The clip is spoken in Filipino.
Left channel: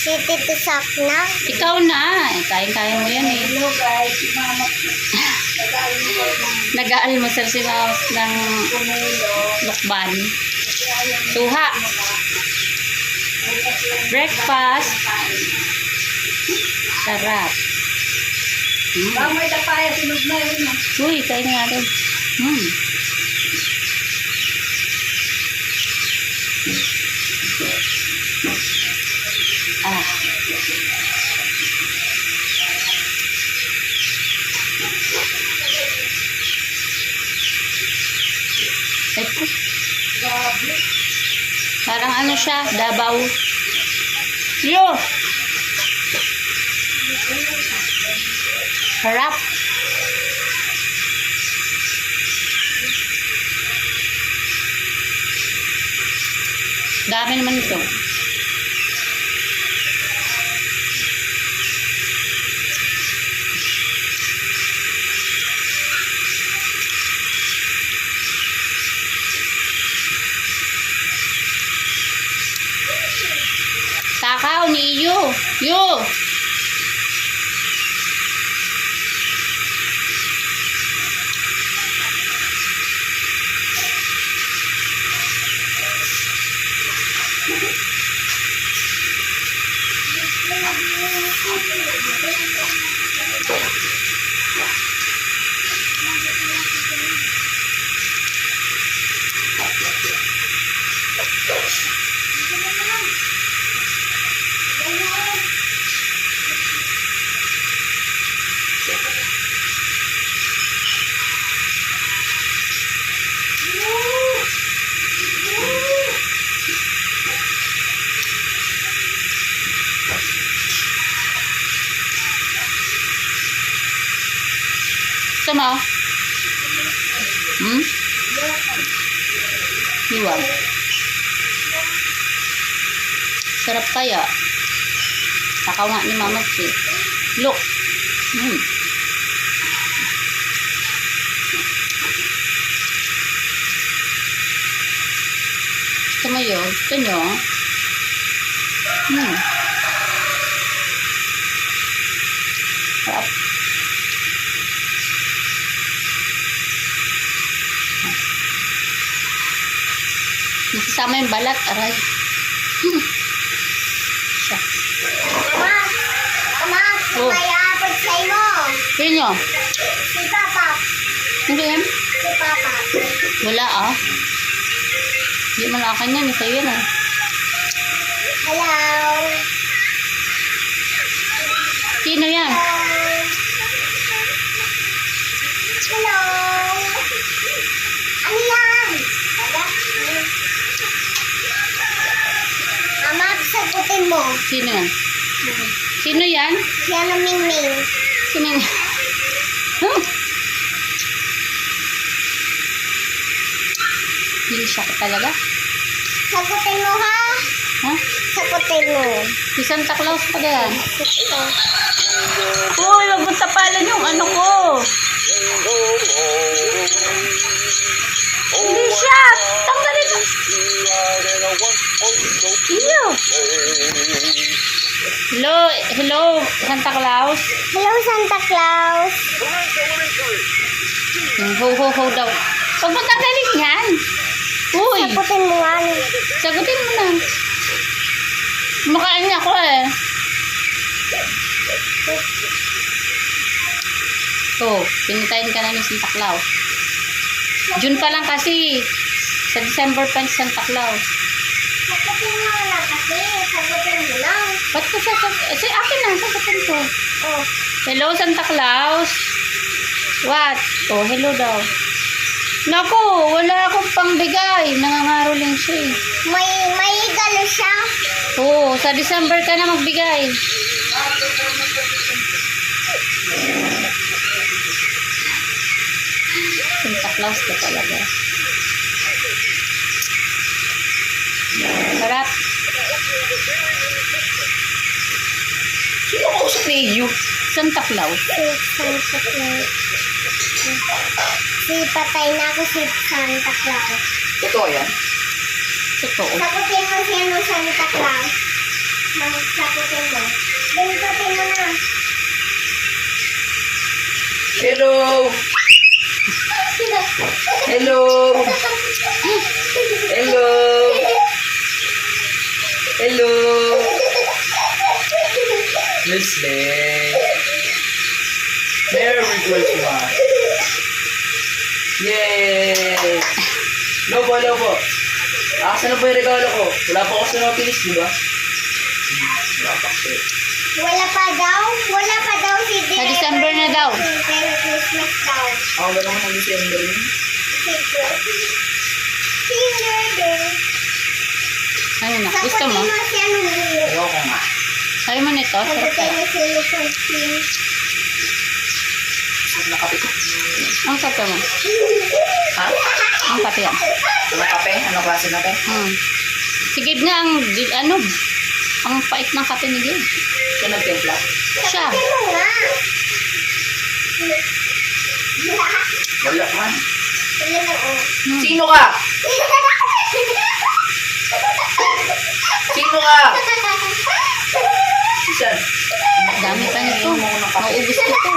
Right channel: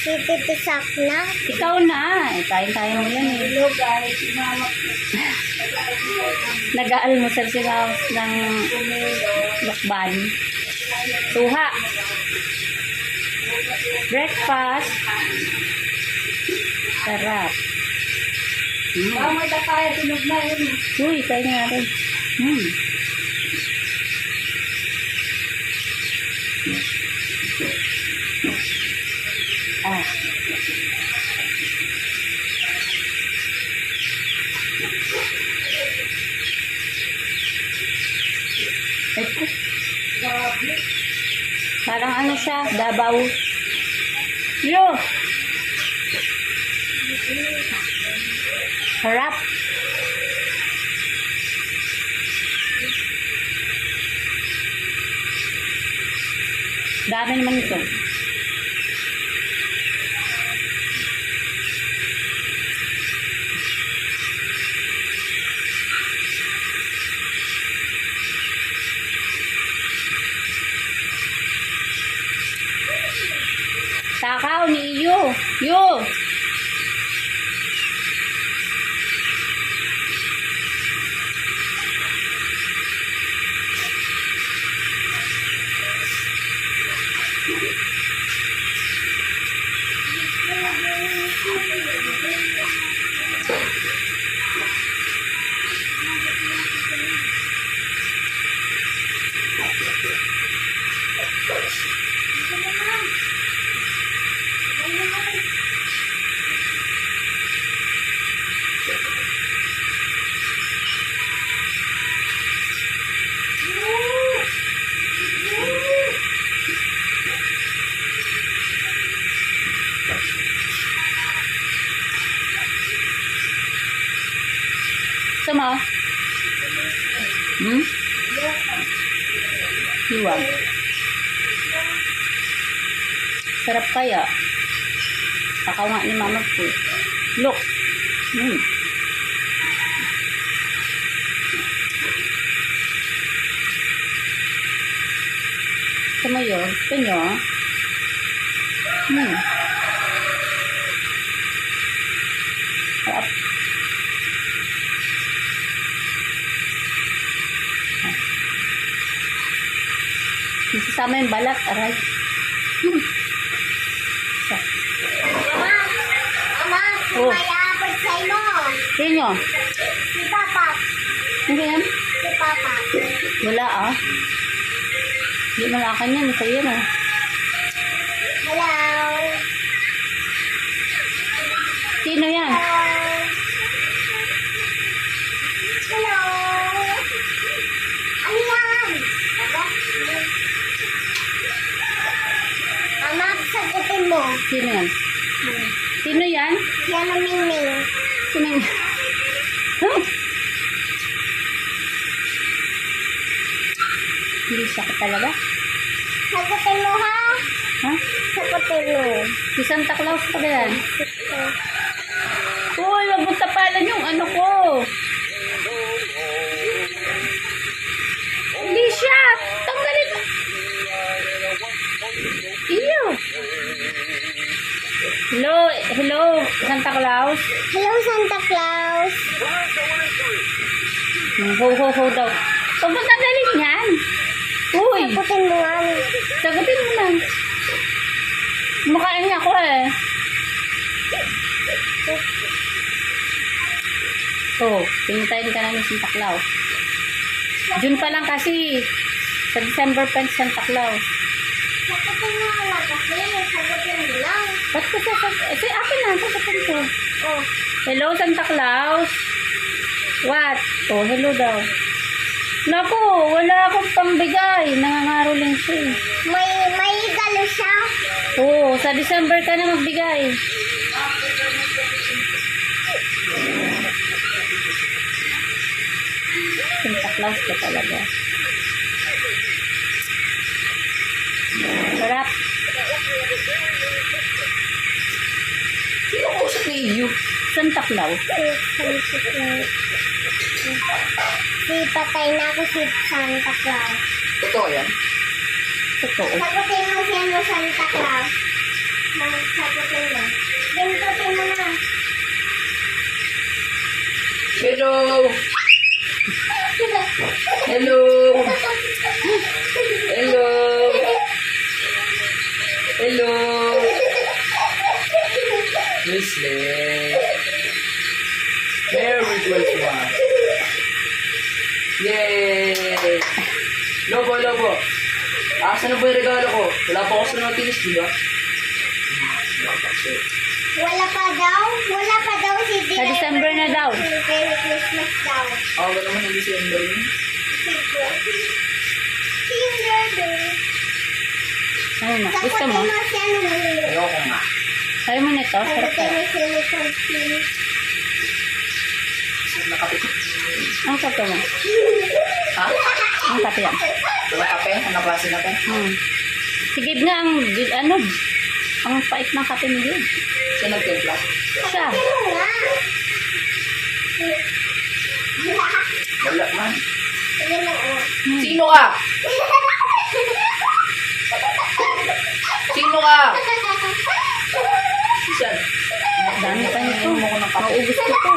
Si Tito Sak na. Ikaw na. Eh, kayang-kaya mo yan eh. Hello guys, mama mo ng Nag-aalmusal si Mama ng lukban. Suha. Breakfast. Sarap. Mm. Ah, may tapaya, sinog na yun. ah. Uy, kain na natin. Hmm. Grabe. Parang ano siya, Dabaw. Yo! Harap. Dami naman ito. Takaw ni Yu. Yu! Gusto mo? Hmm? Iwan. Sarap kaya. Takaw nga ni Mama Chi. Look. Hmm. Gusto mo yun? Gusto nyo? Hmm. Sarap. Nasasama yung balat, aray. Hmm. Siya. Anak, anak, Oh. sa imo. Sino? Si Papa. Hindi yan? Si Papa. Wala ah. Hindi man akin yan. Sa'yo yan ah. Hello. Sino yan? Hello. Ano yan? Wala. Mama, sagutin mo. Sino yan? Sino yan? Yan ang Mingming. Sino yan? Huh? Hindi siya ka talaga. Sagutin mo ha. Ha? Sagutin mo. Si Santa Claus pa yan. Ito. Uy, wag mo tapalan yung ano ko. Hindi siya. Tanggalin mo. Iyo. Hello, hello, Santa Claus. Hello, Santa Claus. Hmm, Ho, ho, ho daw. Huwag mo tanggalin yan. Uy, Sagutin mo nga. sagutin mo na. Makain niya ako eh. Oh, pinitayin ka na ni Santa Claus. June pa lang kasi. Sa December pa si Santa Claus. Sagutin mo lang kasi. Sagutin mo lang. Ba't ko sa... Eh, si akin na, sagutin ko. Oh. Hello, Santa Claus. What? Oh, hello daw. Naku, wala akong pangbigay. Nangangaroling siya eh. May, may galo siya. Oo, sa December ka na magbigay. Santa Claus ka talaga. Sarap. Sino ko sa iyo? Santa Claus. Si Santa Claus. Si patay na ako si Santa Claus. Totoo yan? Totoo. Sagutin mo siya no Santa Claus. Magsaputin mo. Ganitotin mo na. Hello! Hello! Leslie! Merry Christmas! Yay! Lobo, lobo! Asa na ba yung regalo ko? Wala pa ako sa notice, di ba? Wala pa kasi. Wala pa daw. Wala pa daw si Sa Director. December na daw. Merry Christmas daw. Ako ba naman ng December yun? Ano na? Gusto mo? Mo mo. Ayoko nga. Sabi mo nito? Sarap kaya. Nakapit. Ang kape mo? Ha? Ang kape yan. Ano kape? Anong klase na kape? Hmm. Si Gabe nga ang, ano, ang pait ng kape ni Gabe. Siya nagtimpla. Siya. Sagutin mo nga. Wala ang oh. Hmm. Sino ka? Sino ka? Dami pa nito. Maubos ko to.